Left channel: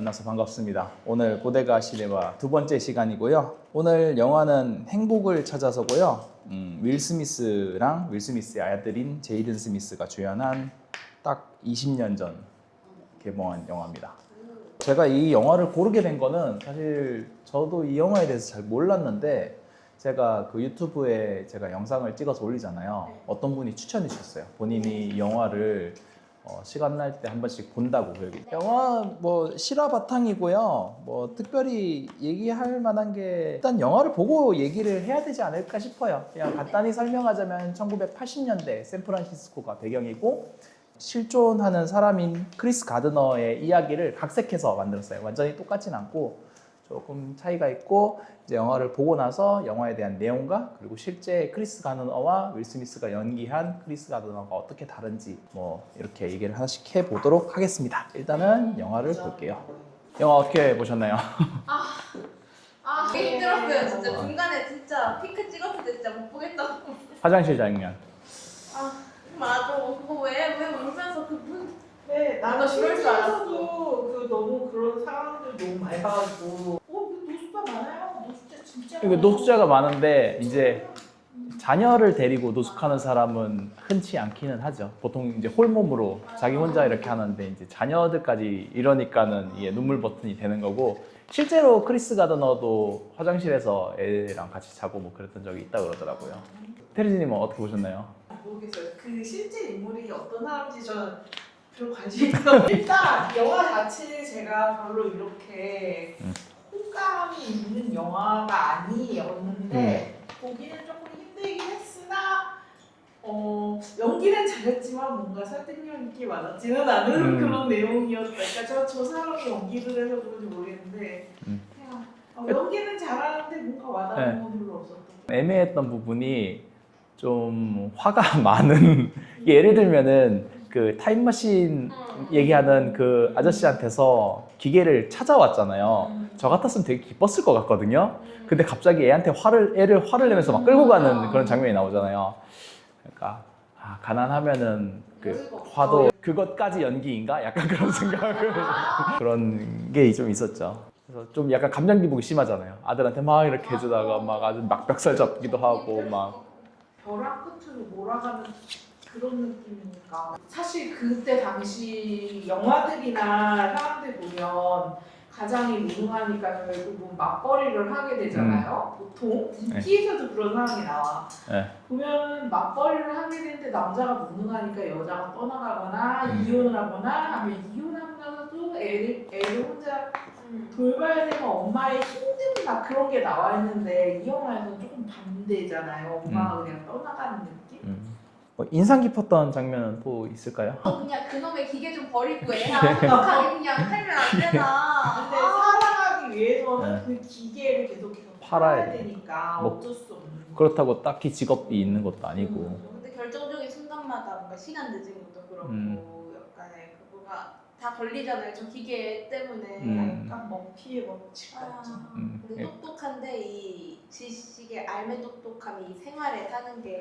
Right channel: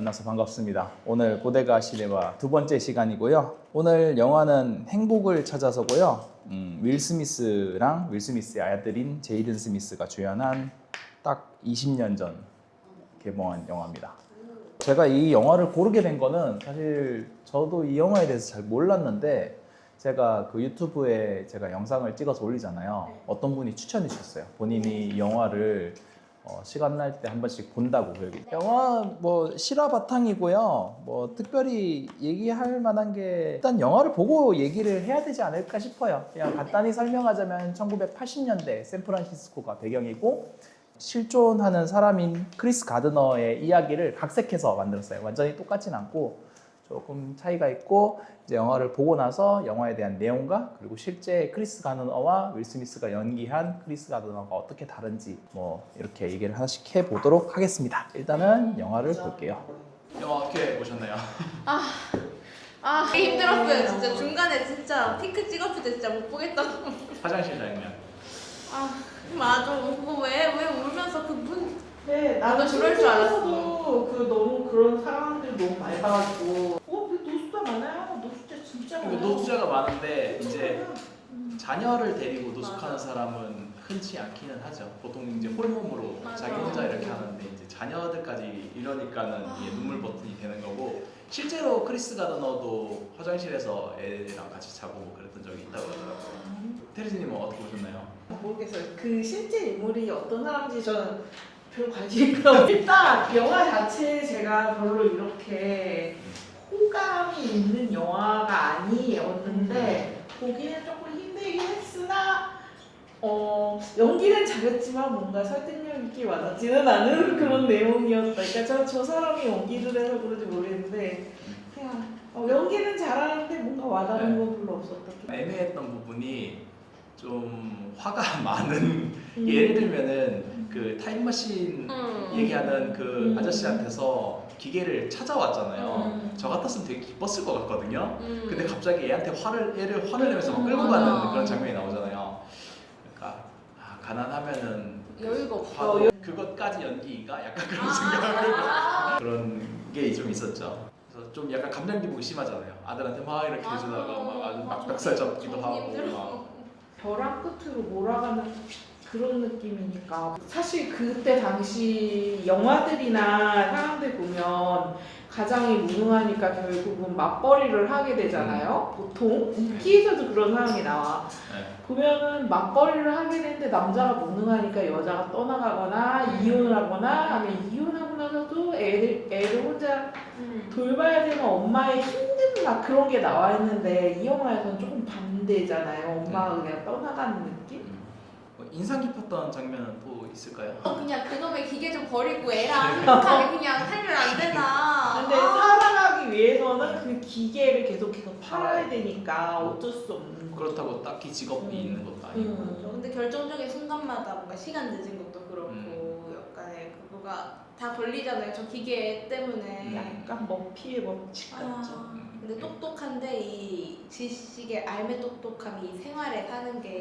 만나서 반갑습니다. 오늘 보데가 시네마 두 번째 시간이고요. 오늘 영화는 행복을 찾아서고요. 윌 스미스랑 윌 스미스의 아들인 제이든 스미스가 주연한 딱 20년 전 개봉한 영화입니다. 제가 이 영화를 고르게 된 거는 사실 저도 이 영화에 대해서 잘 몰랐는데 제가 그 유튜브에 제가 영상을 찍어서 올리잖아요. 어떤 분이 추천해 주셨어요. 본인이 이 영화를 시간 날 때 한 번씩 본다고. 여기 영화 뭐 실화 바탕이고요. 뭐 특별히 얘기할 만한 게 일단 영화를 보고 얘기를 해야 되지 않을까 싶어요. 그냥 간단히 설명하자면 1980년대 샌프란시스코가 배경이고 실존하는 사람인 크리스 가드너의 이야기를 각색해서 만들었어요. 완전히 똑같진 않고 조금 차이가 있고 이제 영화를 보고 나서 영화에 대한 내용과 그리고 실제 크리스 가드너와 윌 스미스가 연기한 크리스 가드너가 어떻게 다른지 뭐 이렇게 얘기를 하나씩 해보도록 하겠습니다. 일단은 영화를 볼게요. 영화 어떻게 보셨나요? 힘들었어요. 진짜 중간에 진짜 핑크 찍었을 때 진짜 못 보겠다고. 화장실 장면. 맞아. 그거 왜 울면서 그분. 네, 나도 그럴 줄 알았어. 그 너무 그런 사람들 너무 많이 봐가지고 노숙자 많아요. 노숙자 진짜 많아요. 노숙자가 많은데 이제 자녀를 데리고 노숙하는 사람은 흔치 않기는 하죠. 보통 이제 홀몸으로 자기 혼자 이렇게 하는데 이제 자녀들까지 이러니까는 이게 눈물 버튼이 되는 거고 실제로 크리스 가드너도 화장실에서 애랑 같이 자고 뭐 그랬던 적이 있다고 그러더라고요. 테리지님은 어떻게 보셨나요? 모르겠어요. 그 실제 인물이 어떤 사람인지 저는 별 관심이 없어요. 일단 영화 자체 제가 별로 이렇게 호감이 있는 영화가 아니었는데 보기는 조금 힘들긴 했으나 연기는 잘했지만 뭔가 설득력 있게 와닿지는 않은 그런 내용이었다. 그러니까 저 사람이 연기를 해서 그런지 모르겠는데 그냥 연기는 잘하는데 뭔가 와닿는 건 별로 없었다. 애매했던 부분이 좀 화가 많은 예를 들면은 그 타임머신 얘기하는 그 아저씨한테서 기계를 찾아왔잖아요. 저 같았으면 되게 기뻤을 것 같거든요. 근데 갑자기 애한테 화를 내면서 막 끌고 가는 그런 장면이 나오잖아요. 그러니까 가난하면은 그 화도 그것까지 연기인가? 약간 그런 생각을 그런 게 좀 있었죠. 그래서 좀 약간 감정 기복이 심하잖아요. 아들한테 막 이렇게 해주다가 막 아주 막 멱살 잡기도 하고 막 벼랑 끝으로 몰아가는 그런 느낌이니까 사실 그때 당시 영화들이나 사람들 보면 가장이 무능하니까 결국은 맞벌이를 하게 되잖아요. 보통 인기에서도 그런 상황이 나와. 보면은 맞벌이를 하게 되는데 남자가 무능하니까 여자가 떠나가거나 이혼을 하거나 아니면 이혼하고 나서도 애를 혼자 돌봐야 되는 엄마의 힘든 막 그런 게 나와 있는데 이 영화에서는 조금 반대잖아요. 엄마가 그냥 떠나가는 느낌? 인상 깊었던 장면은 또 있을까요? 그냥 그놈의 기계 좀 버리고 애랑 행복하게 그냥 살면 안 되나. 근데 살아가기 위해서는 그 기계를 계속해서 팔아야 되니까 뭐, 어쩔 수 없는 거. 그렇다고 딱히 직업이 있는 것도 아니고 근데 결정적인 순간마다 뭔가 시간 늦은 것도 그렇고 약간의 그거가 다 걸리잖아요. 저 기계 때문에. 약간 먹피의 법칙 같죠. 근데 똑똑한데 이 지식의 알매 똑똑함이 생활에 사는 게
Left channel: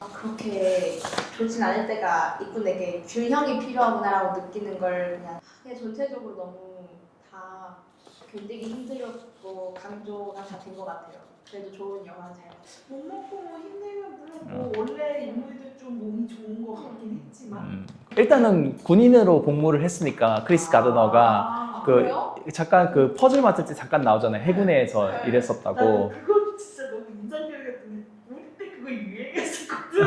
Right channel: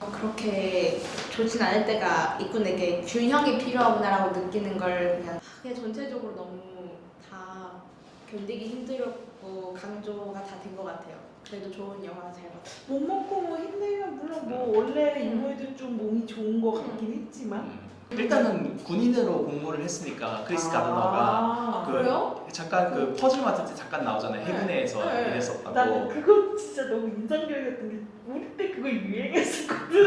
그렇게 좋진 않을 때가 있고 내게 균형이 필요하구나라고 느끼는 걸 그냥 전체적으로 너무 다 견디기 힘들었고 강조가 다 된 것 같아요. 그래도 좋은 영화 잘 봤어요. 못 먹고 뭐 힘들면 물론 뭐 원래 인물들 좀 몸이 좋은 거 같긴 했지만 일단은 군인으로 복무를 했으니까 크리스 가드너가 그래요? 잠깐 그 퍼즐 맡을 때 잠깐 나오잖아요. 해군에서 일했었다고. 나는 그거 진짜 너무 인상적이었던 게 우리 때 그거 유행했었거든.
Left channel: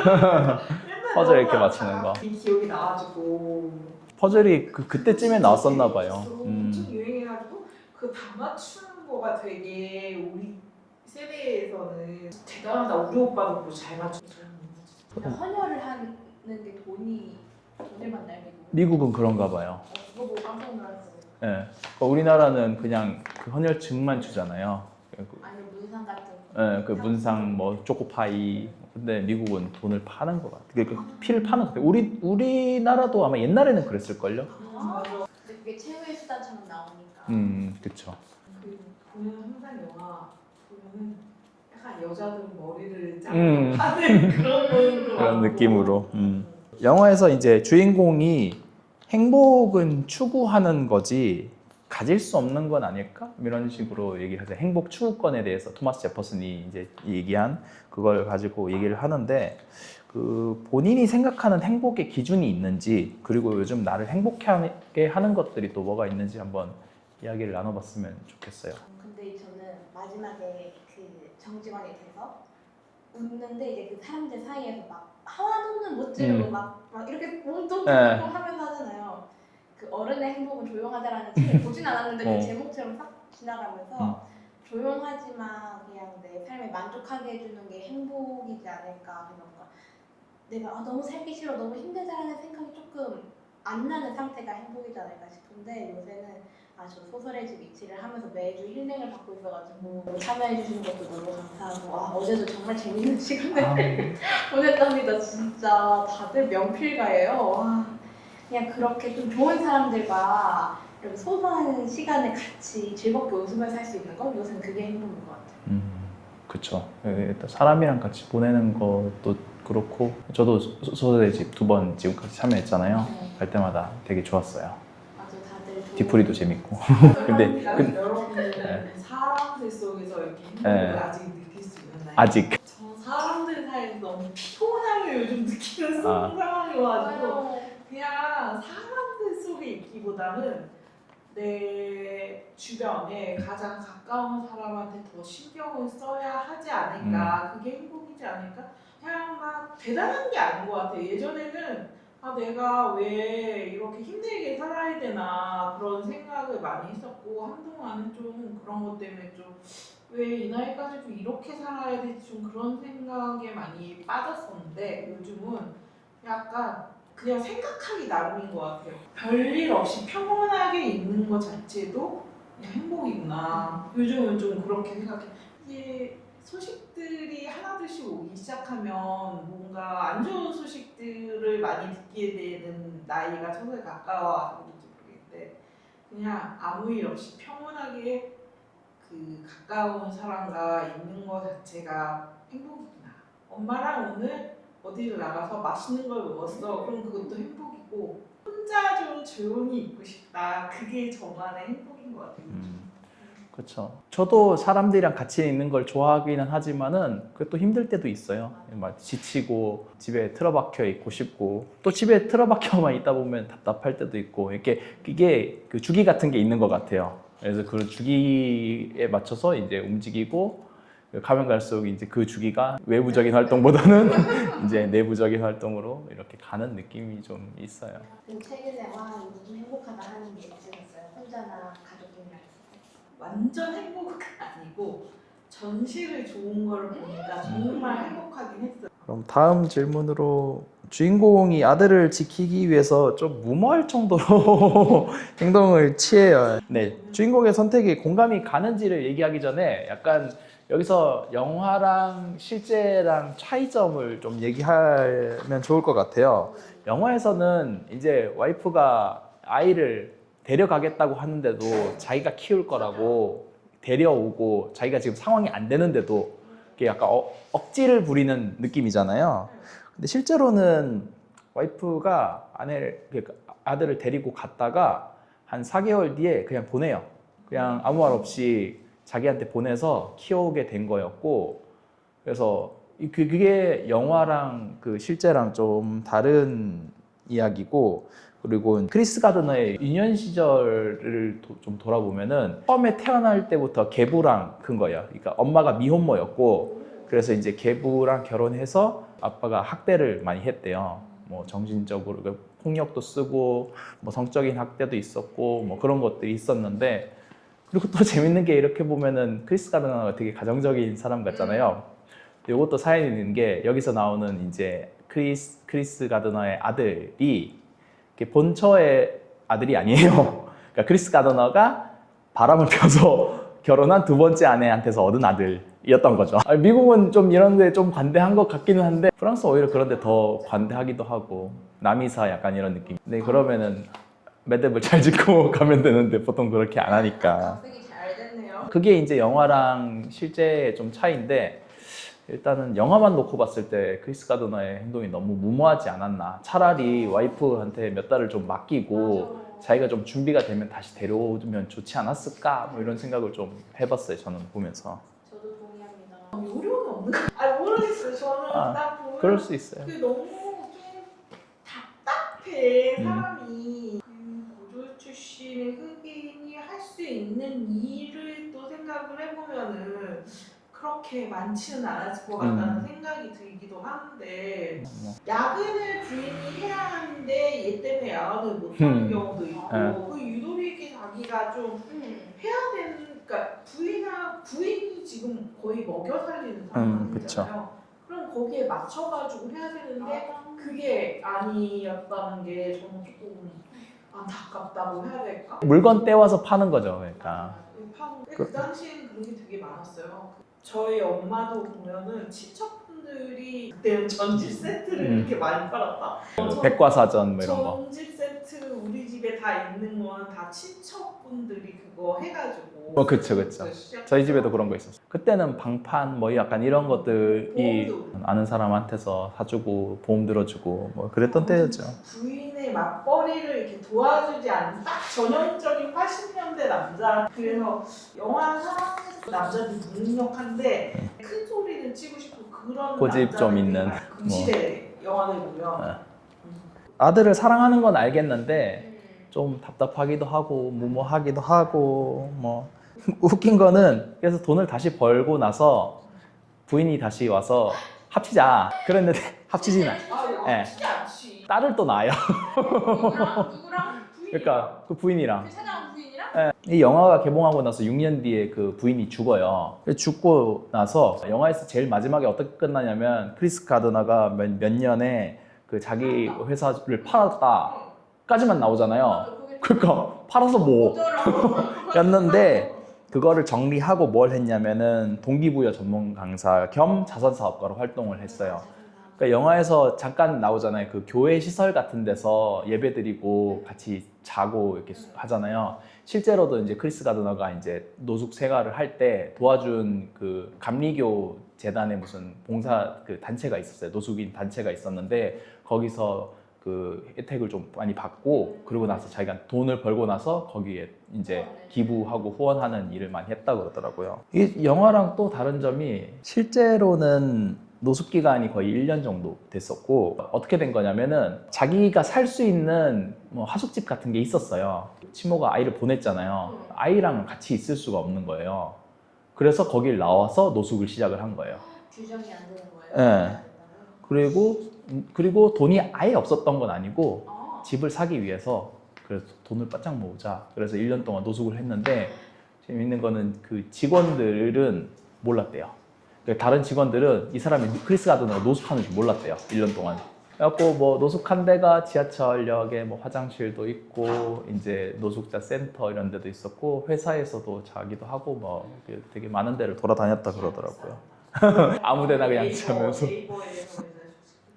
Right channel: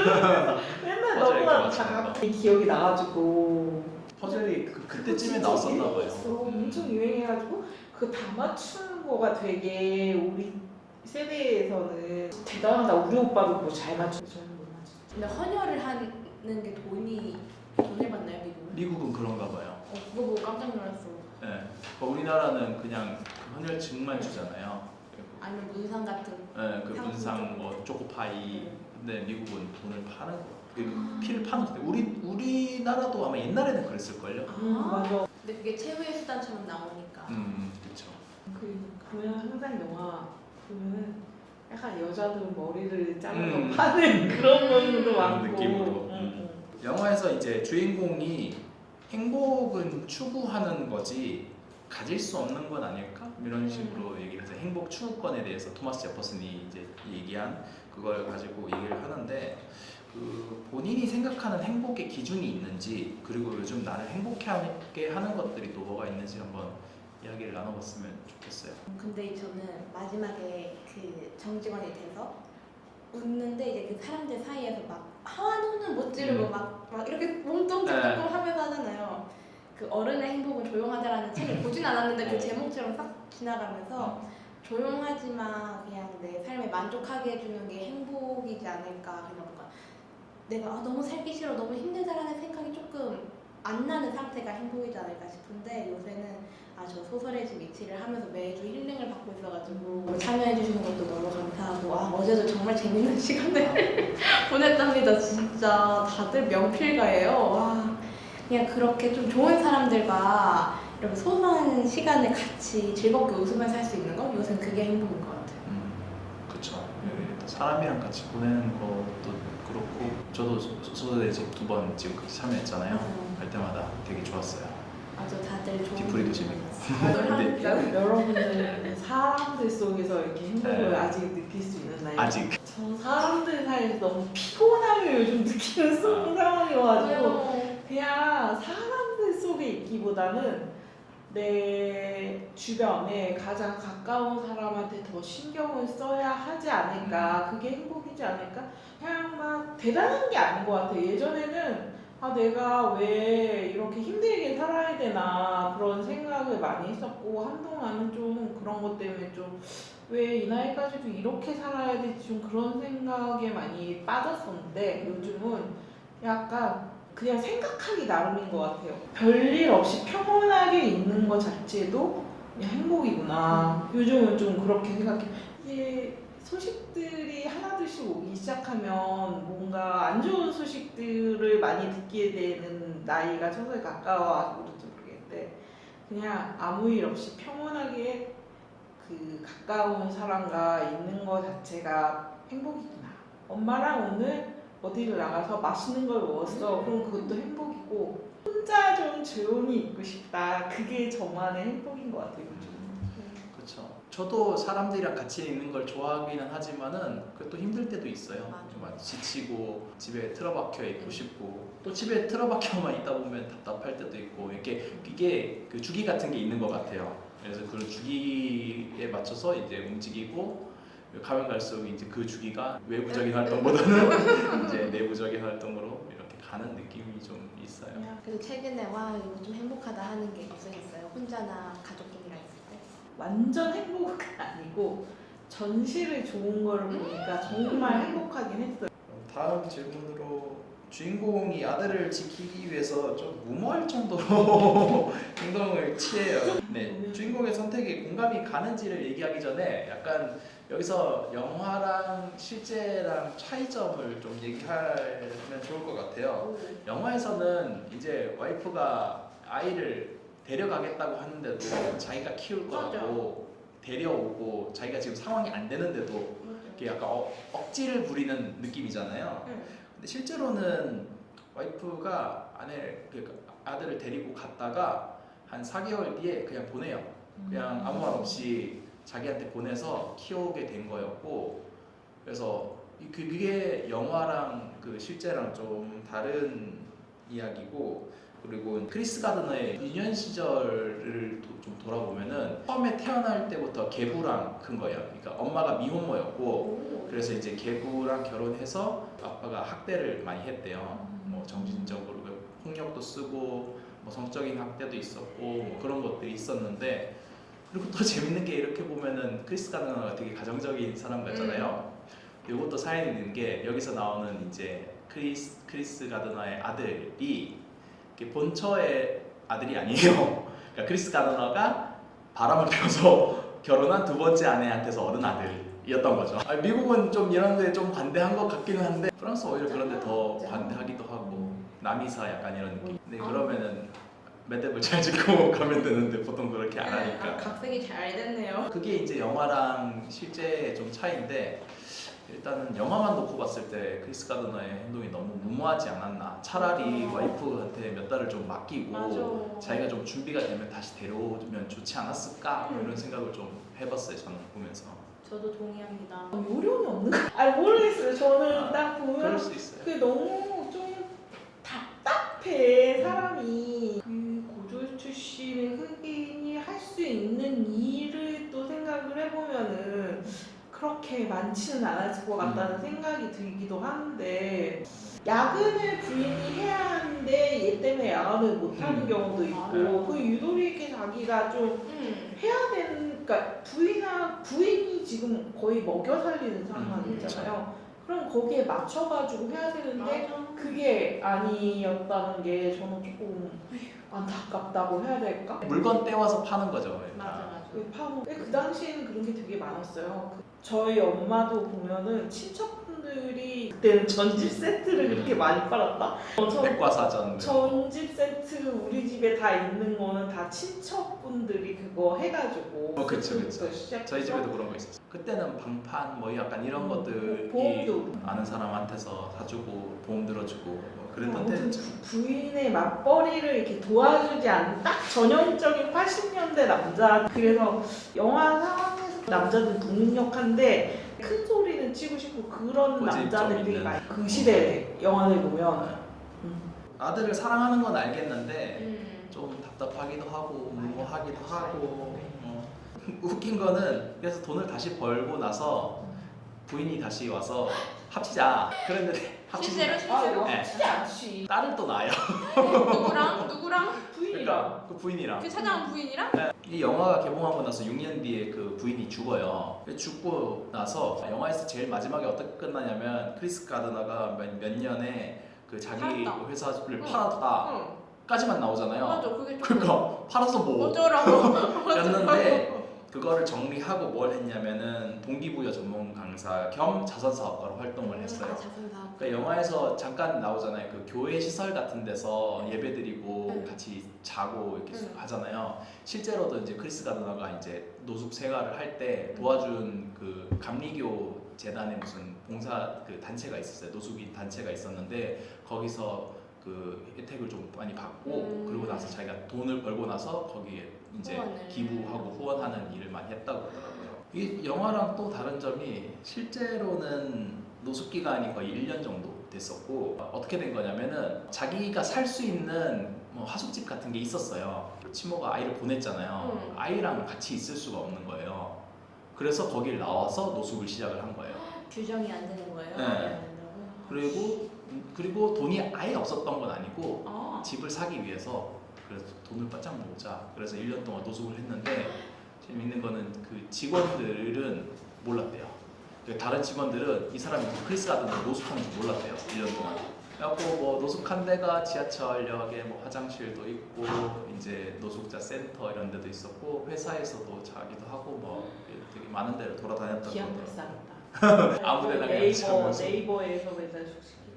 맨날 퍼즐 이렇게 너무 맞추는 거. 기억이 나가지고 퍼즐이 그때쯤에 나왔었나 봐요. 엄청 유행해가지고 그거 다 맞추는 거가 되게 우리 세대에서는 대단하다. 우리 오빠도 그거 잘 맞추고 저는 못 맞추고. 근데 헌혈을 하는 게 돈을 받나요, 미국? 미국은 그런가 봐요. 그거 보고 깜짝 놀랐어. 예. 그러니까 우리나라는 그냥 그 헌혈증만 주잖아요. 아니면 문상 같은 거. 예, 그 문상 뭐 초코파이. 근데 미국은 돈을 파는 거 같아요. 그 피를 파는 거 같아요. 우리나라도 아마 옛날에는 그랬을걸요? 맞아. 근데 그게 최후의 수단처럼 나오니까. 그쵸. 보면 항상 영화 보면은 약간 여자들 머리를 자르고 파는 그런 면도 그런 느낌으로. 영화에서 이제 주인공이 행복은 추구하는 거지 가질 수 없는 건 아닐까? 이런 식으로 얘기를 하죠. 행복 추구권에 대해서 토마스 제퍼슨이 이제 얘기한 그걸 가지고 얘기를 하는데 그 본인이 생각하는 행복의 기준이 있는지 그리고 요즘 나를 행복하게 하는 것들이 또 뭐가 있는지 한번 이야기를 나눠봤으면 좋겠어요. 근데 저는 마지막에 그 정직원이 돼서 웃는데 이제 그 사람들 사이에서 막 하와눈은 못 찌르고 막 이렇게 몸통 네. 찌르고 하면서 하잖아요. 그 어른의 행복은 조용하다라는 책을 보진 않았는데 그 제목처럼 싹 지나가면서 조용하지만 그냥 내 삶에 만족하게 해주는 게 행복이지 않을까. 뭔가 내가 너무 살기 싫어 너무 힘들다라는 생각이 조금 안 나는 상태가 행복이지 않을까 싶은데 요새는 저 소설의 집 위치를 하면서 매주 힐링을 받고 있어가지고 참여해 주시는 것도 너무 감사하고 어제도 정말 재밌는 시간을 보냈답니다. 진짜 다들 명필가예요. 와 그냥 그렇게 좀 좋은 사람들과 이렇게 소소한 시간을 같이 즐겁게 웃으면서 할 수 있는 거 요새는 그게 행복인 것 같아요. 그쵸. 일단 사람이랑 같이 보내는 것도 그렇고 저도 소설의 집 2번 지금까지 참여했잖아요. 갈 때마다 되게 좋았어요. 아주 다들 좋은 뒤풀이도 재밌고. 근데 여러분들은 사람들 속에서 이렇게 행복을 네. 아직 느낄 수 있나요? 아직 저 사람들 사이에서 너무 피곤함을 요즘 느끼는 아. 상황이어가지고 그냥 사람들 속에 있기보다는 내 주변에 가장 가까운 사람한테 더 신경을 써야 하지 않을까. 그게 행복이지 않을까. 그냥 막 대단한 게 아닌 것 같아요. 예전에는 내가 왜 이렇게 힘들게 살아야 되나 그런 생각을 많이 했었고 한동안은 좀 그런 것 때문에 좀 왜 이 나이까지도 이렇게 살아야 되지 좀 그런 생각에 많이 빠졌었는데 요즘은 약간 그냥 생각하기 나름인 것 같아요. 별일 없이 평온하게 있는 것 자체도 그냥 행복이구나. 요즘은 좀 그렇게 생각해. 이게 소식들이 하나둘씩 오기 시작하면 뭔가 안 좋은 소식들을 많이 듣게 되는 나이가 서서히 가까워서 그런지 모르겠는데 그냥 아무 일 없이 평온하게 그 가까운 사람과 있는 것 자체가 행복이구나. 엄마랑 오늘 어디를 나가서 맛있는 걸 먹었어. 그럼 그것도 행복이고 혼자 좀 조용히 있고 싶다. 그게 저만의 행복인 것 같아요. 그렇죠. 저도 사람들이랑 같이 있는 걸 좋아하기는 하지만은 그것도 힘들 때도 있어요. 막 지치고 집에 틀어박혀 있고 싶고 또 집에 틀어박혀만 있다 보면 답답할 때도 있고 이게 그 주기 같은 게 있는 것 같아요. 그래서 그 주기에 맞춰서 이제 움직이고 가면 갈수록 이제 그 주기가 외부적인 활동보다는 이제 내부적인 활동으로 이렇게 가는 느낌이 좀 있어요. 그리고 최근에 와 이거 좀 행복하다 하는 게 있으셨어요? 혼자나 가족들이랑 있을 때? 완전 행복은 아니고 전시를 좋은 거를 보니까 정말 행복하긴 했어요. 그럼 다음 질문으로 주인공이 아들을 지키기 위해서 좀 무모할 정도로 행동을 취해요. 네, 주인공의 선택이 공감이 가는지를 얘기하기 전에 약간 여기서 영화랑 실제랑 차이점을 좀 얘기하면 좋을 것 같아요. 영화에서는 이제 와이프가 아이를 데려가겠다고 하는데도 자기가 키울 거라고 데려오고 자기가 지금 상황이 안 되는데도 이게 약간 억지를 부리는 느낌이잖아요. 근데 실제로는 와이프가 아들을 데리고 갔다가 한 4개월 뒤에 그냥 보내요. 그냥 아무 말 없이 자기한테 보내서 키우게 된 거였고, 그래서 그게 영화랑 그 실제랑 좀 다른 이야기고, 그리고 크리스 가드너의 유년 시절을 좀 돌아보면은 처음에 태어날 때부터 계부랑 큰 거예요. 그러니까 엄마가 미혼모였고, 그래서 이제 계부랑 결혼해서 아빠가 학대를 많이 했대요. 뭐 정신적으로 폭력도 쓰고 뭐 성적인 학대도 있었고 뭐 그런 것들이 있었는데, 그리고 또 재밌는 게 이렇게 보면은 크리스 가드너가 되게 가정적인 사람 같잖아요. 이것도 사연이 있는 게 여기서 나오는 이제 크리스 가드너의 아들이 본처의 아들이 아니에요. 그러니까 크리스 가드너가 바람을 펴서 결혼한 2번째 아내한테서 얻은 아들이었던 거죠. 미국은 좀 이런 데 좀 관대한 것 같기는 한데 프랑스 오히려 그런 데 더 관대하기도 하고 남이사 약간 이런 느낌. 근데 그러면은 매듭을 잘 짓고 가면 되는데 보통 그렇게 안 하니까. 각색이 잘 됐네요. 그게 이제 영화랑 실제의 좀 차이인데, 일단은 영화만 놓고 봤을 때 크리스 가드너의 행동이 너무 무모하지 않았나. 차라리 와이프한테 몇 달을 좀 맡기고 맞아. 자기가 좀 준비가 되면 다시 데려오면 좋지 않았을까? 뭐 이런 생각을 좀 해봤어요. 저는 보면서. 저도 동의합니다. 요령이 없는 거. 아니 모르겠어요. 저는 아, 딱 보면 그럴 수 있어요. 그게 너무 좀 답답해 음. 사람이. 그 고졸 출신의 흑인이 할 수 있는 일을 또 생각을 해보면은 그렇게 많지는 않았을 것 같다는 생각이 들기도 하는데, 야근을 부인이 해야 하는데 얘 때문에 야근을 못하는 경우도 있고, 네. 그 유도리에게 자기가 좀 해야 되는, 그러니까 부인이 지금 거의 먹여 살리는 상황이잖아요. 그럼 거기에 맞춰가지고 해야 되는데 그게 아니었다는 게 저는 조금 안타깝다고 해야 될까? 물건 떼와서 파는 거죠. 맞아, 그러니까. 맞아. 그 당시에는 그런 게 되게 많았어요. 저희 엄마도 보면은 친척분들이 그때는 전집 세트를 그렇게 많이 팔았다. 백과사전 뭐 이런 거. 전집 세트 우리 집에 다 있는 거는 다 친척분들이 그거 해가지고. 그쵸. 저희 집에도 그런 거 있었어요. 그때는 방판 뭐 약간 이런 것들이 보험도. 아는 사람한테서 사주고 보험 들어주고 뭐 그랬던 때였죠. 부인의 맞벌이를 이렇게 도와주지 않는 딱 전형적인 80년대 남자. 그래서 영화 상황에서 남자들 무능력한데 큰 소리는 치고 싶고 그런 고집 좀 남자들이 있는. 많이 그 시대 영화를 보면. 네. 아들을 사랑하는 건 알겠는데 음. 좀 답답하기도 하고 무모하기도 하고 뭐 웃긴 거는 그래서 돈을 다시 벌고 나서 부인이 다시 와서 합치자 그랬는데 합치진 않. 네. 쉽지 않지. 딸을 또 낳아요. 누구랑? 그러니까 그 부인이랑. 그 찾아온 부인이랑? 이 영화가 개봉하고 나서 6년 뒤에 그 부인이 죽어요. 죽고 나서 영화에서 제일 마지막에 어떻게 끝나냐면 크리스 가드너가 몇 년에 그 자기 팔았다. 회사를 팔았다까지만 나오잖아요. 맞아, 그게 좀 그러니까 팔아서 뭐 어쩌라고. 였는데 그거를 정리하고 뭘 했냐면은 동기부여 전문 강사 겸 자선사업가로 활동을 했어요. 그러니까 영화에서 잠깐 나오잖아요. 그 교회 시설 같은 데서 예배드리고 같이 자고 이렇게 하잖아요. 실제로도 이제 크리스 가드너가 이제 노숙 생활을 할 때 도와준 그 감리교 재단의 무슨 봉사 그 단체가 있었어요. 노숙인 단체가 있었는데 거기서 그 혜택을 좀 많이 받고 그러고 나서 자기가 돈을 벌고 나서 거기에 이제 기부하고 후원하는 일을 많이 했다고 그러더라고요. 이 영화랑 또 다른 점이 실제로는 노숙 기간이 거의 1년 정도 됐었고 어떻게 된 거냐면은 자기가 살 수 있는 뭐 하숙집 같은 게 있었어요. 친모가 아이를 보냈잖아요. 아이랑 같이 있을 수가 없는 거예요. 그래서 거길 나와서 노숙을 시작을 한 거예요. 규정이 안 되는 거예요? 네. 그리고 돈이 아예 없었던 건 아니고 집을 사기 위해서 그래서 돈을 바짝 모으자. 그래서 1년 동안 노숙을 했는데 재밌는 거는 그 직원들은 몰랐대요. 다른 직원들은 이 사람이 크리스 가드너가 노숙하는 줄 몰랐대요. 1년 동안. 그래갖고 뭐 노숙한 데가 지하철역에 뭐 화장실도 있고 이제 노숙자 센터 이런 데도 있었고 회사에서도 자기도 하고 뭐 되게 많은 데를 돌아다녔다 그러더라고요. 아무데나 그냥 자면서. 네이버에서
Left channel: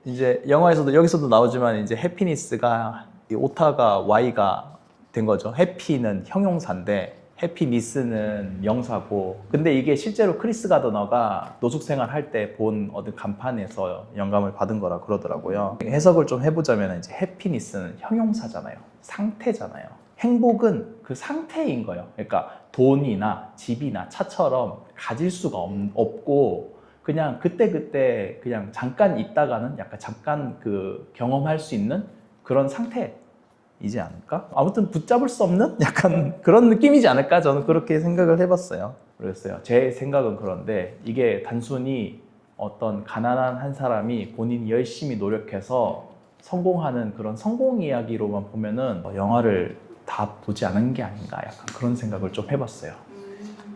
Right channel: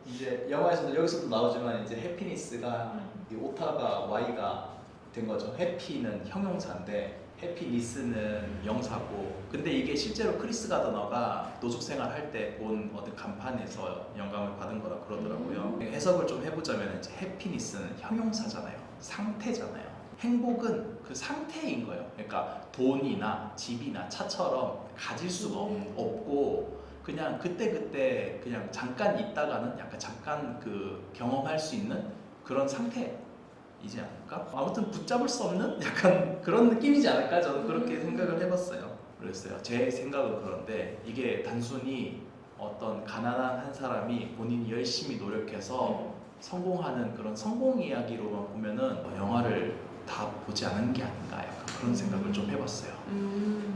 이제 영화에서도 여기서도 나오지만 이제 해피니스가 이 오타가 Y가 된 거죠. 해피는 형용사인데 해피니스는 명사고. 근데 이게 실제로 크리스 가드너가 노숙 생활할 때 본 어떤 간판에서 영감을 받은 거라 그러더라고요. 해석을 좀 해보자면 이제 해피니스는 형용사잖아요. 상태잖아요. 행복은 그 상태인 거예요. 그러니까 돈이나 집이나 차처럼 가질 수가 없고 그냥 그때 그냥 잠깐 있다가는 약간 잠깐 그 경험할 수 있는 그런 상태이지 않을까? 아무튼 붙잡을 수 없는 약간 그런 느낌이지 않을까? 저는 그렇게 생각을 해봤어요. 그랬어요. 제 생각은 그런데 이게 단순히 어떤 가난한 한 사람이 본인이 열심히 노력해서 성공하는 그런 성공 이야기로만 보면은 영화를 다 보지 않은 게 아닌가 약간 그런 생각을 좀 해봤어요.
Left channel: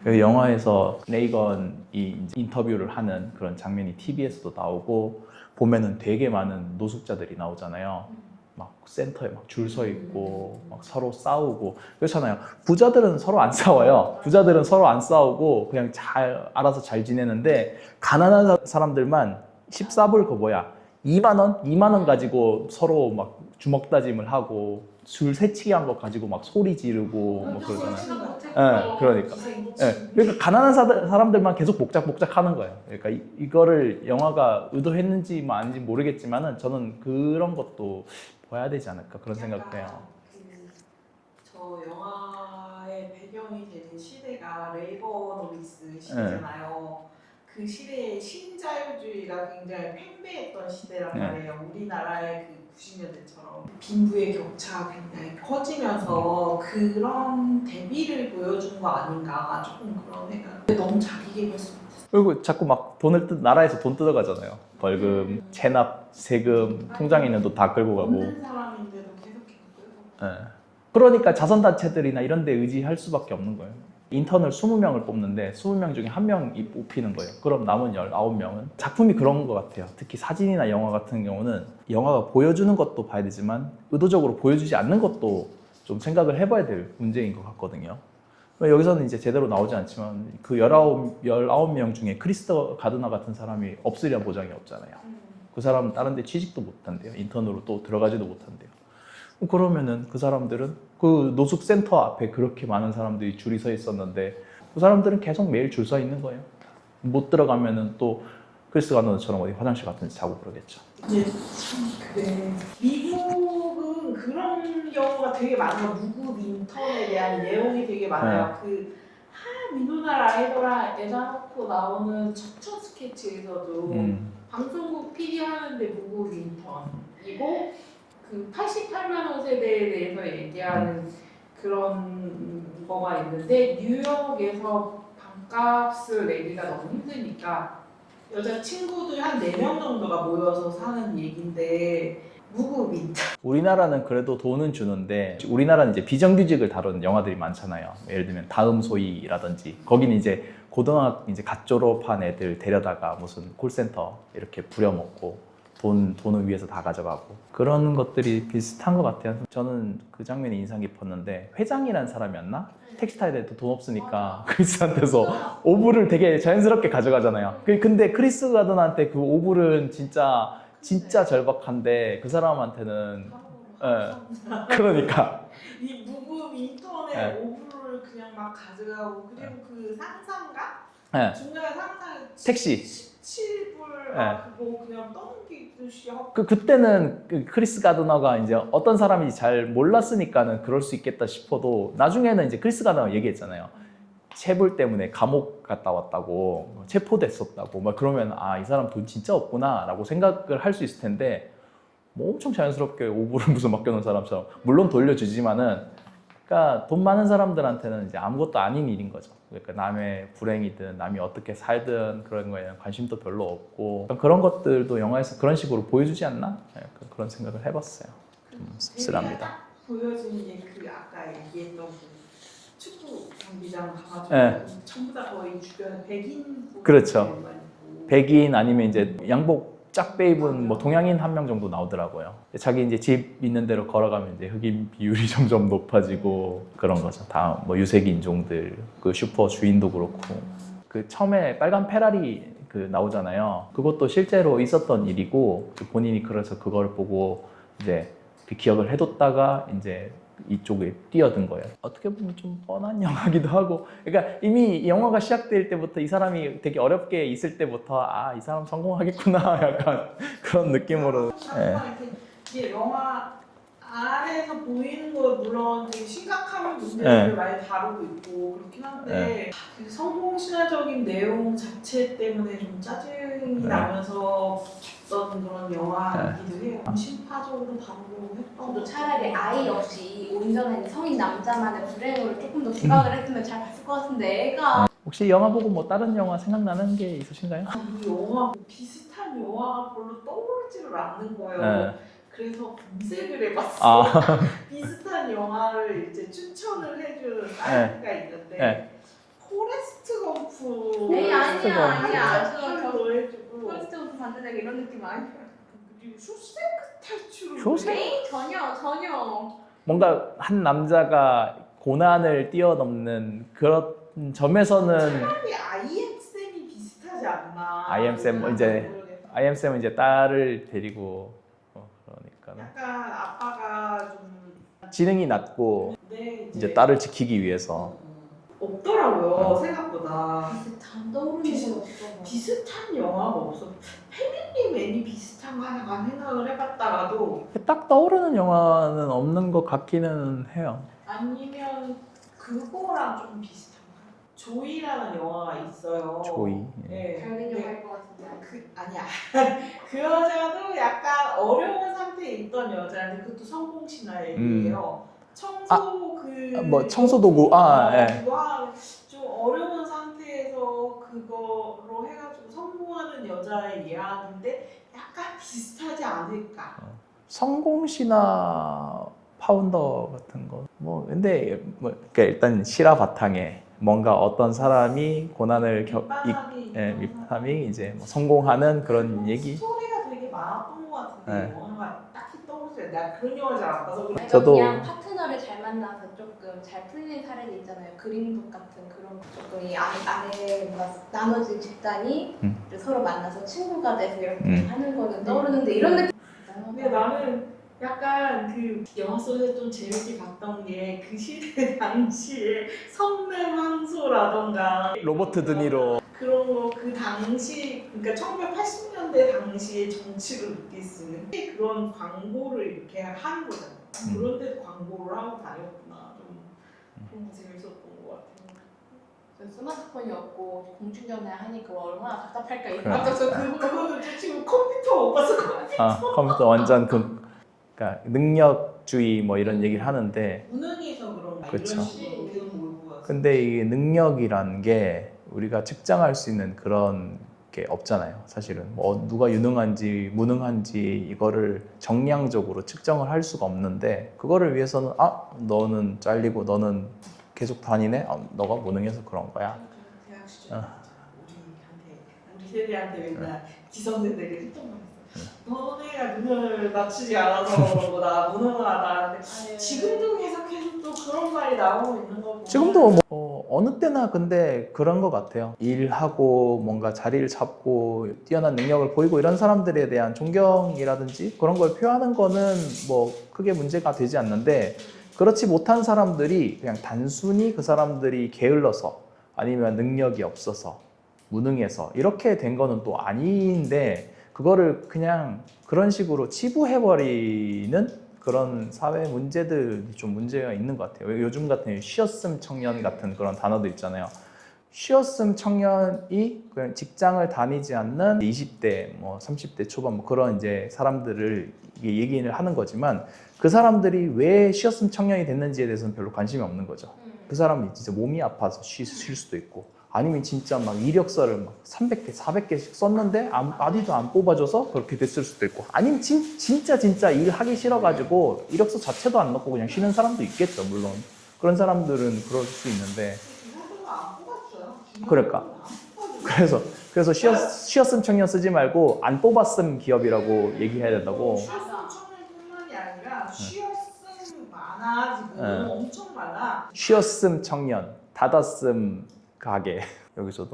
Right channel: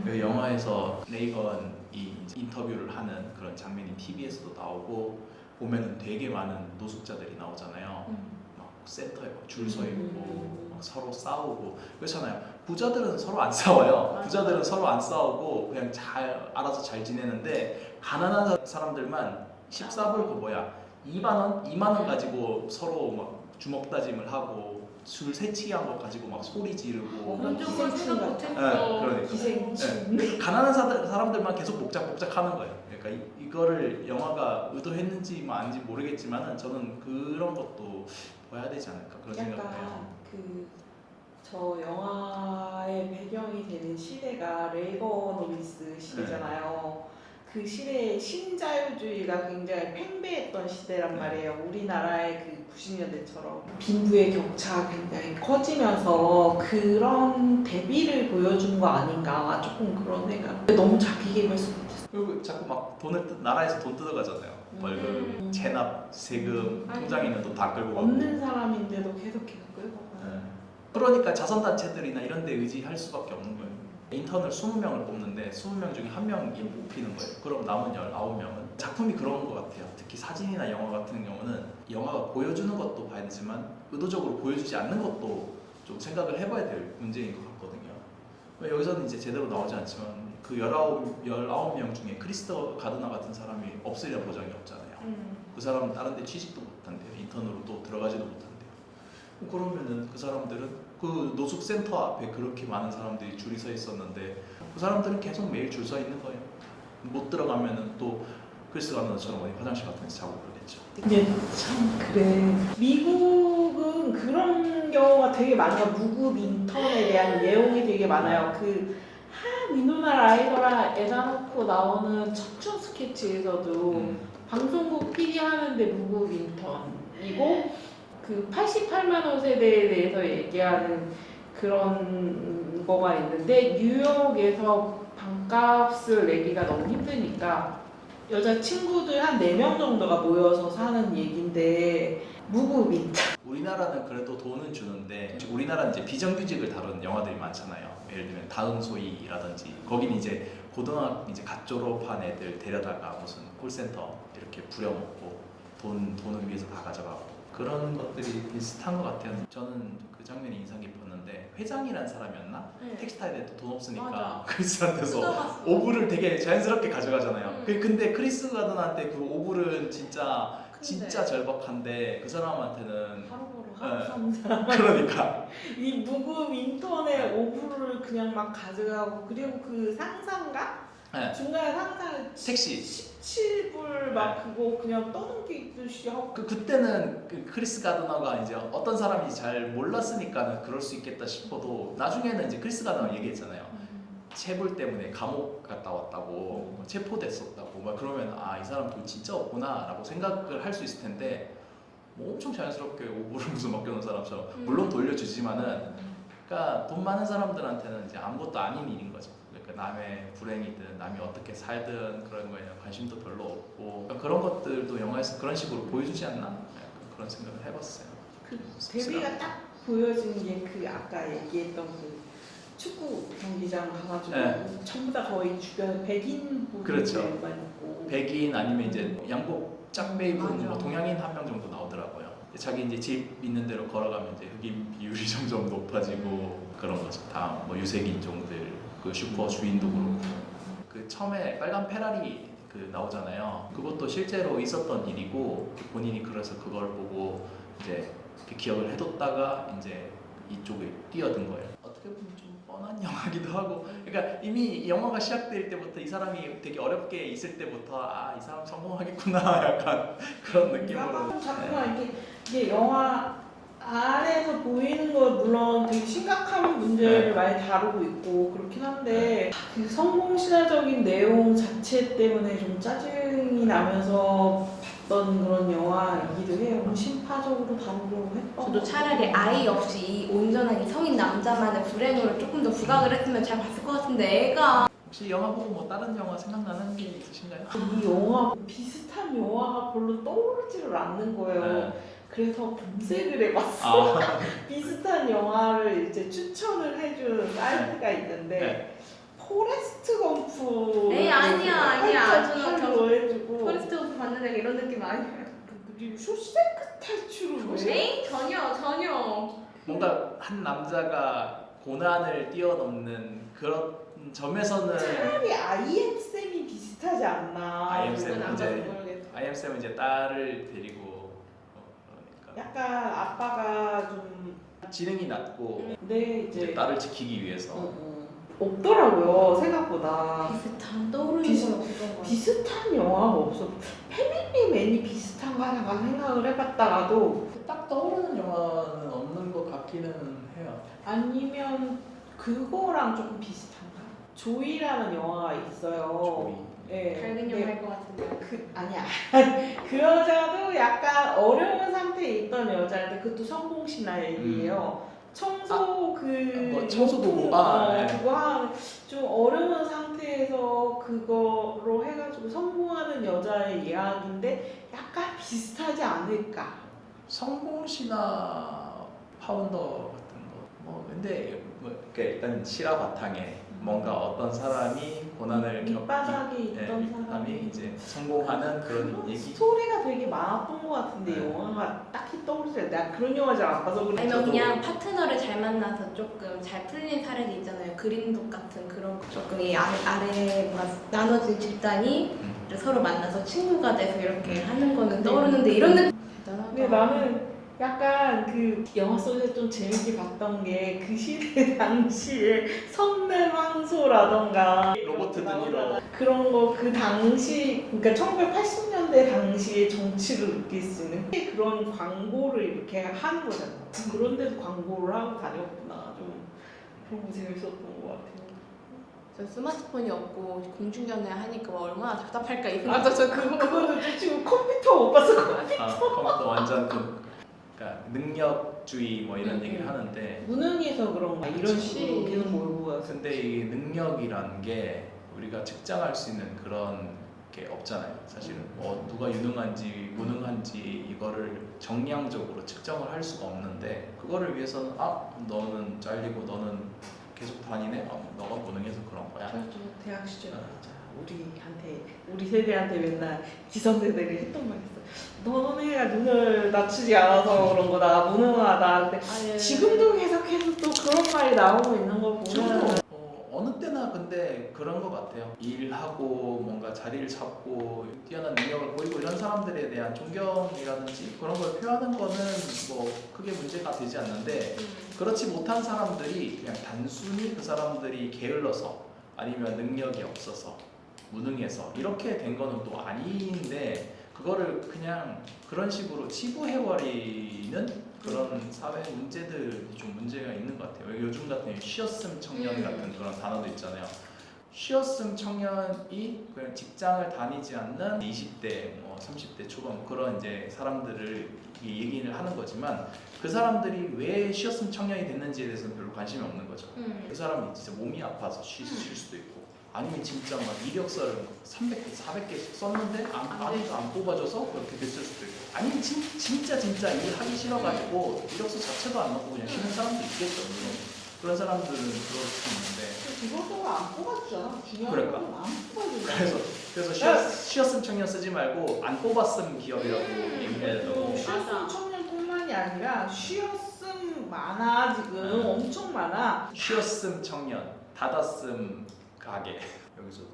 그 영화에서 레이건이 이제 인터뷰를 하는 그런 장면이 TV에서도 나오고 보면은 되게 많은 노숙자들이 나오잖아요. 막 센터에 막 줄 서 있고 막 서로 싸우고 그렇잖아요. 부자들은 서로 안 싸워요. 부자들은 서로 안 싸우고 그냥 잘 알아서 잘 지내는데 가난한 사람들만 14불 그 뭐야 2만 원 가지고 서로 막 주먹 다짐을 하고 줄 새치기 한 거 가지고 막 소리 지르고 막 엄청 그러잖아요. 거친 거. 네, 그러니까. 네, 그러니까 가난한 사람들만 계속 복작복작 하는 거예요. 그러니까 이거를 영화가 의도했는지 뭐 아닌지 모르겠지만은 저는 그런 것도 봐야 되지 않을까 그런 생각을 해요. 저 영화의 배경이 되는 시대가 레이거노미스 시대잖아요. 그 시대에 신자유주의가 굉장히 팽배했던 시대란 네. 말이에요. 우리나라의 그 90년대처럼 빈부의 격차가 굉장히 커지면서 그런 대비를 보여준 거 아닌가 조금 그런 생각. 너무 자기계발서 같았어요. 그리고 자꾸 막 나라에서 돈 뜯어가잖아요. 벌금, 체납, 세금, 통장에 있는 돈 다 끌고 가고. 없는 사람인데도 계속 끌고 가요. 네. 그러니까 자선단체들이나 이런 데 의지할 수밖에 없는 거예요. 인턴을 20명을 뽑는데 20명 중에 1명이 뽑히는 거예요. 그럼 남은 19명은? 작품이 그런 것 같아요. 특히 사진이나 영화 같은 경우는 영화가 보여주는 것도 봐야 되지만 의도적으로 보여주지 않는 것도 좀 생각을 해봐야 될 문제인 것 같거든요. 여기서는 이제 제대로 나오지 않지만 그 19명 중에 크리스터 가드너 같은 사람이 없으리란 보장이 없잖아요. 그 사람은 다른 데 취직도 못한대요. 인턴으로 또 들어가지도 못한대요. 그러면은 그 사람들은 그 노숙센터 앞에 그렇게 많은 사람들이 줄이 서 있었는데 그 사람들은 계속 매일 줄 서 있는 거예요. 못 들어가면은 또 크리스 가드너처럼 어디 화장실 같은 데서 자고 그러겠죠. 근데 참 그래. 미국은 그런 경우가 되게 많아요. 무급 인턴에 대한 내용이 되게 많아요. 그 위노나 라이더랑 에다 놓고 나오는 척추 스케치에서도 방송국 PD 하는데 무급 인턴이고 그 88만 원 세대에 대해서 얘기하는 그런 거가 있는데 뉴욕에서 방값을 내기가 너무 힘드니까 여자 친구들 한 4명 정도가 모여서 사는 얘긴데 무급인. 우리나라는 그래도 돈은 주는데 우리나라는 이제 비정규직을 다룬 영화들이 많잖아요. 예를 들면 다음 소이라든지 거기는 이제 고등학교 이제 갓 졸업한 애들 데려다가 무슨 콜센터 이렇게 부려먹고 돈을 위해서 다 가져가고 그런 것들이 비슷한 것 같아요. 저는 그 장면이 인상 깊었는데 회장이라는 사람이었나? 택시 타야 돼 또 돈 없으니까 크리스한테서 오불을 되게 자연스럽게 가져가잖아요. 근데 크리스 가든한테 그 오불은 진짜 절박한데 그 사람한테는 그러니까 이 무급 인턴의 네. 오브를 그냥 막 가져가고 그리고 그 상사인가? 네. 중간에 상사 택시 17불 막 그거 그냥 떠넘기듯이 하고 그때는 그 크리스 가드너가 이제 어떤 사람인지 잘 몰랐으니까는 그럴 수 있겠다 싶어도 나중에는 이제 크리스 가드너가 얘기했잖아요. 체불 때문에 감옥 갔다 왔다고 체포됐었다고 막 그러면 아 이 사람 돈 진짜 없구나 라고 생각을 할 수 있을 텐데 뭐 엄청 자연스럽게 오불을 무슨 맡겨놓은 사람처럼 물론 돌려주지만은 그러니까 돈 많은 사람들한테는 이제 아무것도 아닌 일인 거죠. 그러니까 남의 불행이든 남이 어떻게 살든 그런 거에 관심도 별로 없고 그런 것들도 영화에서 그런 식으로 보여주지 않나? 그런 생각을 해봤어요. 대비가 씁쓸합니다. 딱 보여지는 게 그 아까 얘기했던 그 축구 경기장 가가지고 네. 전부 다 거의 주변 백인 그렇죠. 분들만 있고 백인 아니면 이제 양복 짝배 입은 뭐 동양인 1명 정도 나오더라고요. 자기 이제 집 있는 대로 걸어가면 이제 흑인 비율이 점점 높아지고 그런 거죠. 다 뭐 유색 인종들 그 슈퍼 주인도 그렇고 그 처음에 빨간 페라리 그 나오잖아요. 그것도 실제로 있었던 일이고 본인이 그래서 그걸 보고 이제 그 기억을 해뒀다가 이제 이쪽에 뛰어든 거예요. 어떻게 보면 좀 뻔한 영화기도 하고, 그러니까 이미 이 영화가 시작될 때부터 이 사람이 되게 어렵게 있을 때부터 아, 이 사람 성공하겠구나 약간 그런 느낌으로. 자꾸만 이게 영화 안에서 보이는 거 물론 되게 심각한 문제를 많이 다루고 있고 그렇긴 한데 그 성공 신화적인 내용 자체 때문에 좀 짜증이 나면서 봤던 그런 영화이기도 해요. 심파적으로 다루려고 했던. 저도 차라리 아이 없이 온전한 이 성인 남자만의 불행을 조금 더 부각을 했으면 잘 봤을 것 같은데 애가 혹시 영화 보고 뭐 다른 영화 생각나는 게 있으신가요? 이 영화 비슷한 영화가 별로 떠오르지를 않는 거예요. 그래서 검색을 해봤어. 비슷한 영화를 이제 추천을 해주는 사이트가 있는데 포레스트 검프. 에이 아니야. 저 해주고. 포레스트 검프 봤는데 이런 느낌 아니에요. 그리고 쇼생크 탈출을. 쇼생크? 에이 전혀. 뭔가 한 남자가 고난을 뛰어넘는 그런 점에서는 차라리 IM쌤이 비슷하지 않나. IM쌤 이제 딸을 데리고 그러니까 약간 아빠가 좀 지능이 낮고 근데 이제 딸을 지키기 위해서 없더라고요 생각보다. 비슷한 떠오르는 비슷- 건 없던 것 같아요. 비슷한 영화가 없어. 패밀리맨이 비슷한 거 하나 생각을 해봤다가도 딱 떠오르는 영화는 없는 것 같기는 해요. 아니면 그거랑 조금 비슷한가? 조이라는 영화가 있어요. 조이. 네. 밝은 영화일 것 같은데. 아니야. 그 여자도 약간 어려운 상태에 있던 여자인데 그것도 성공 신화 얘기예요. 청소 뭐 청소도구. 예. 그거 하는 좀 어려운 상태에서 그거로 해가지고 성공하는 여자의 이야기인데 약간 비슷하지 않을까? 성공 신화 파운더 같은 거. 뭐 근데 뭐 그러니까 일단 실화 바탕에 뭔가 어떤 사람이 고난을 밑바닥이 예, 있던 밑바람이 이제 성공하는 그런 얘기. 스토리가 되게 많았던 것 같은데 네. 영화가 딱히 떠오르지 내가 그런 영화 잘 안 봐서 그래. 아니면 저도- 그냥 파트너를 잘 만나서 조금 잘 풀린 사례도 있잖아요. 그린북 같은 그런 거. 조금 이 아래가 나눠진 집단이 서로 만나서 친구가 돼서 이렇게 하는 거는 떠오르는데 이런 느낌 근데 나는 약간 그 영화 속에서 좀 재밌게 봤던 게 그 시대 당시에 성내망소라던가 로버트 드니로. 그런 거 그 당시 그러니까 1980년대 당시의 정치를 느낄 수 있는 그런 광고를 이렇게 하는 거잖아요. 그런 데서 광고를 하고 다녔구나. 좀 그런 거 재밌었던 것 같아요. 전 스마트폰이 없고 공중전화 하니까 얼마나 답답할까 이 그러니까. 생각도 저 그거는 지금 컴퓨터 못 봤어. 컴퓨터 완전 그러니까 능력주의 뭐 이런 얘기를 하는데 무능해서 그런 거 이런 그쵸. 식으로 계속 몰고 가서. 근데 이 능력이란 게 우리가 측정할 수 있는 그런 게 없잖아요. 사실은 뭐 누가 유능한지 무능한지 이거를 정량적으로 측정을 할 수가 없는데 그거를 위해서는 너는 잘리고 너는 계속 다니네. 너가 무능해서 그런 거야. 대학 시절 우리 세대한테 맨날 기성세대를 했던 말 있어. 너네가 눈을 낮추지 않아서 그런 거다. 무능하다. 근데 지금도 계속해서 또 그런 말이 나오고 있는 거 보면 지금도 뭐 어느 때나 근데 그런 것 같아요. 일하고 뭔가 자리를 잡고 뛰어난 능력을 보이고 이런 사람들에 대한 존경이라든지 그런 걸 표하는 거는 뭐 크게 문제가 되지 않는데 그렇지 못한 사람들이 그냥 단순히 그 사람들이 게을러서 아니면 능력이 없어서 무능해서 이렇게 된 거는 또 아닌데 그거를 그냥 그런 식으로 치부해버리는 그런 사회 문제들이 좀 문제가 있는 것 같아요. 요즘 같은 쉬었음 청년 같은 그런 단어도 있잖아요. 쉬었음 청년이 그냥 직장을 다니지 않는 20대, 뭐 30대 초반 뭐 그런 이제 사람들을 얘기를 하는 거지만 그 사람들이 왜 쉬었음 청년이 됐는지에 대해서는 별로 관심이 없는 거죠. 그 사람이 진짜 몸이 아파서 쉴 수도 있고 아니면 진짜 막 이력서를 막 300개, 400개씩 썼는데 아무도 안 뽑아줘서 그렇게 됐을 수도 있고 아니면 진짜 일하기 싫어가지고 이력서 자체도 안 넣고 그냥 쉬는 사람도 있겠죠. 물론 그런 사람들은 그럴 수 있는데 이것도 안 뽑아주잖아. 그러니까. 그래서 쉬었음 청년 쓰지 말고 안 뽑았음 기업이라고 얘기해야 된다고. 쉬었음 청년뿐만이 아니라 쉬었음 많아 지금 엄청 많아. 쉬었음 청년, 닫았음 가게. 여기서도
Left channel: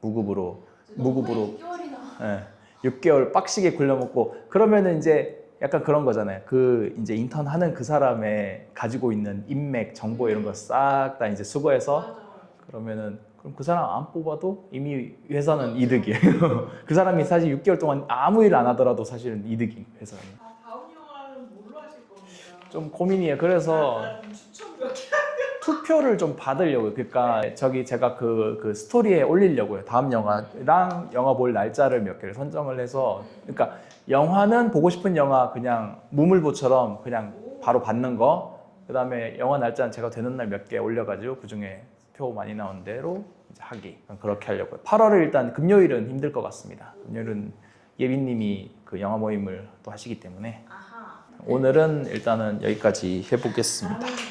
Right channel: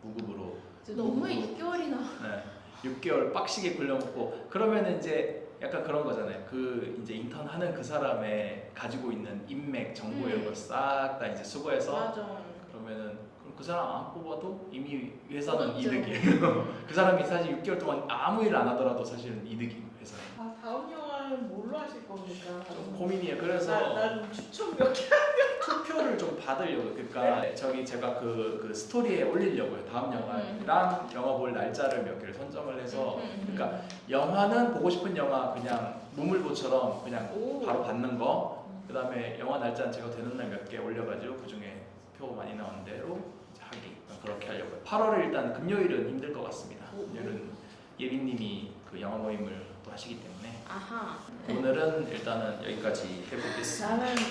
무급으로 6개월이나 6개월 빡시게 굴려먹고 그러면은 이제 약간 그런 거잖아요. 그 이제 인턴하는 그 사람의 가지고 있는 인맥, 정보 이런 걸 싹 다 이제 수거해서 맞아. 그러면은 그럼 그 사람 안 뽑아도 이미 회사는 이득이에요. 그 사람이 사실 6개월 동안 아무 일 안 하더라도 사실은 이득이 회사는. 다음 영화는 뭘로 하실 겁니까? 좀 고민이에요. 그래서 나는 추천 몇 개. 투표를 좀 받으려고요. 그러니까 저기 제가 그 스토리에 올리려고요. 다음 영화랑 영화 볼 날짜를 몇 개를 선정을 해서 그러니까 영화는 보고 싶은 영화 그냥 무물보처럼 그냥 바로 받는 거. 그다음에 영화 날짜는 제가 되는 날 몇 개 올려가지고 그 중에 표 많이 나온 대로 이제 하기 그렇게 하려고요. 8월을 일단 금요일은 힘들 것 같습니다. 금요일은 예빈님이 그 영화 모임을 또 하시기 때문에 아하. 오늘은 일단은 여기까지 해보겠습니다. 나는